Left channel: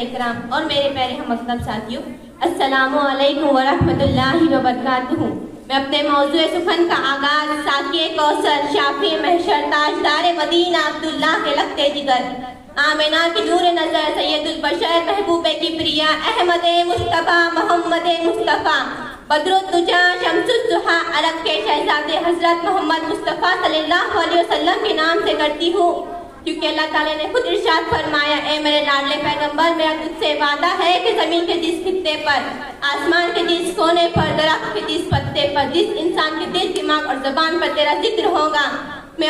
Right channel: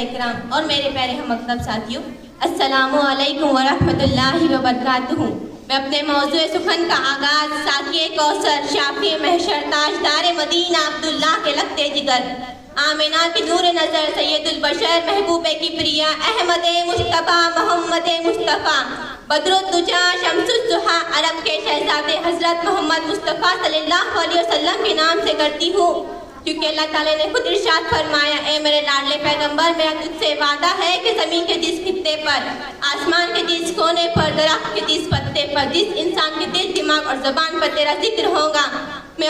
اکرام اور میرے پیارے ہم مکتب ساتھیوں، السلام علیکم ورحمۃ اللہ وبرکاتہ۔ میں اپنے موضوع سخن کا آغاز ساقی کوثر، شافی محشر، تاجدار مدینہ عبداللہ کے لخت جگر، آمنہ کی نور نظر، سید البشر، محبوب کبریا، احمد مصطفیٰ، محمد مصطفیٰ، بدر الدجا، شمس الضحیٰ، عرب کے شہزادے حضرت محمد مصطفیٰ صلی اللہ علیہ وسلم کے نام سے کرتی ہوں، کیونکہ اللہ تعالیٰ نے خود ارشاد فرمایا، اے میرے لاڈلے پیغمبر، میرا تجھ سے وعدہ ہے کہ زمین کے جس خطے پر، آسمان کے جس کونے پر، درخت کے جس پتے پر، جس انسان کے دل، دماغ اور زبان پر تیرا ذکر ہوگا، میں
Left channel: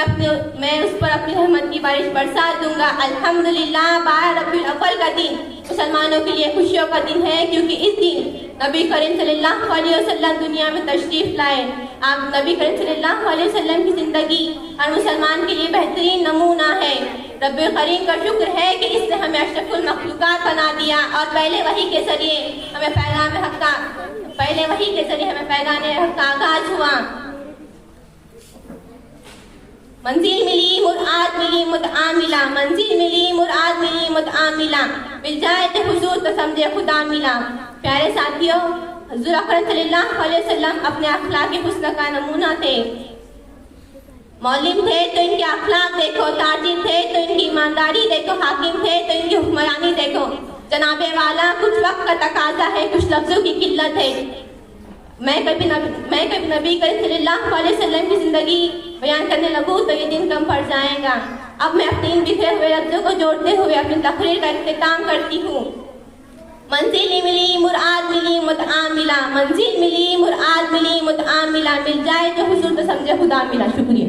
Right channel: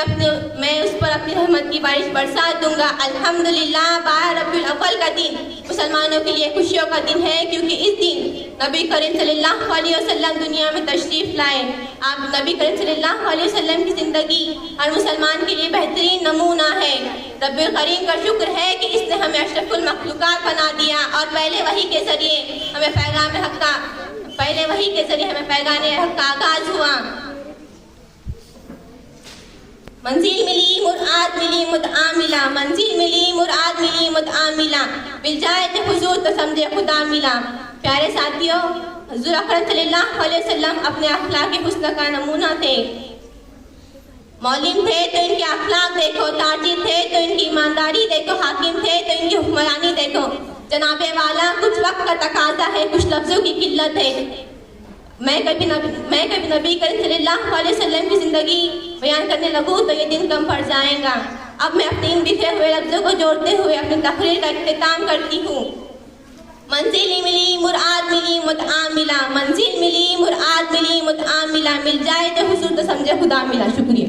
اس پر اپنی رحمت کی بارش برسا دوں گا۔ الحمدللہ، 12 ربیع الاول کا دن مسلمانوں کے لیے خوشیوں کا دن ہے، کیونکہ اس دن نبی کریم صلی اللہ علیہ وسلم دنیا میں تشریف لائے۔ آپ نبی کریم صلی اللہ علیہ وسلم کی زندگی ہر مسلمان کے لیے بہترین نمونہ ہے۔ رب کریم کا شکر ہے کہ اس نے ہمیں اشرف المخلوقات بنا دیا اور پہلے وحی کے ذریعے ہمیں پیغام حق کا آغاز ہوا۔ منزل ملی مراد ملی مدعا ملا، منزل ملی مراد ملی مدعا ملا، مل جائے تو حضور تو سمجھے خدا ملا۔ پیارے ساتھیوں، حضور اکرم صلی اللہ علیہ وسلم اپنے اخلاق حسن کا نمونہ تھے۔ مولم تھے تو ان کے اخلاق دیکھو، تاجر تھے تو ان کی ایمانداری دیکھو، حاکم تھے تو ان کی حکمرانی دیکھو۔ جناب والا، کچھ وقت کا تقاضا ہے، کچھ لفظوں کی قلت ہے۔ میں کبھی نبی کریم صلی اللہ علیہ وسلم کی زندگی بیان کرنے لگوں تو یہ دن کم پڑ جائے گا۔ اب میں اپنے ان بکھرے ہوئے لفظوں کو جوڑتے ہوئے اپنی تقریر کا اختتام کرتی ہوں۔ منزل ملی مراد ملی مدعا ملا، منزل ملی مراد ملی مدعا ملا، مل جائے تو حضور تو سمجھے خدا ملا۔ شکریہ۔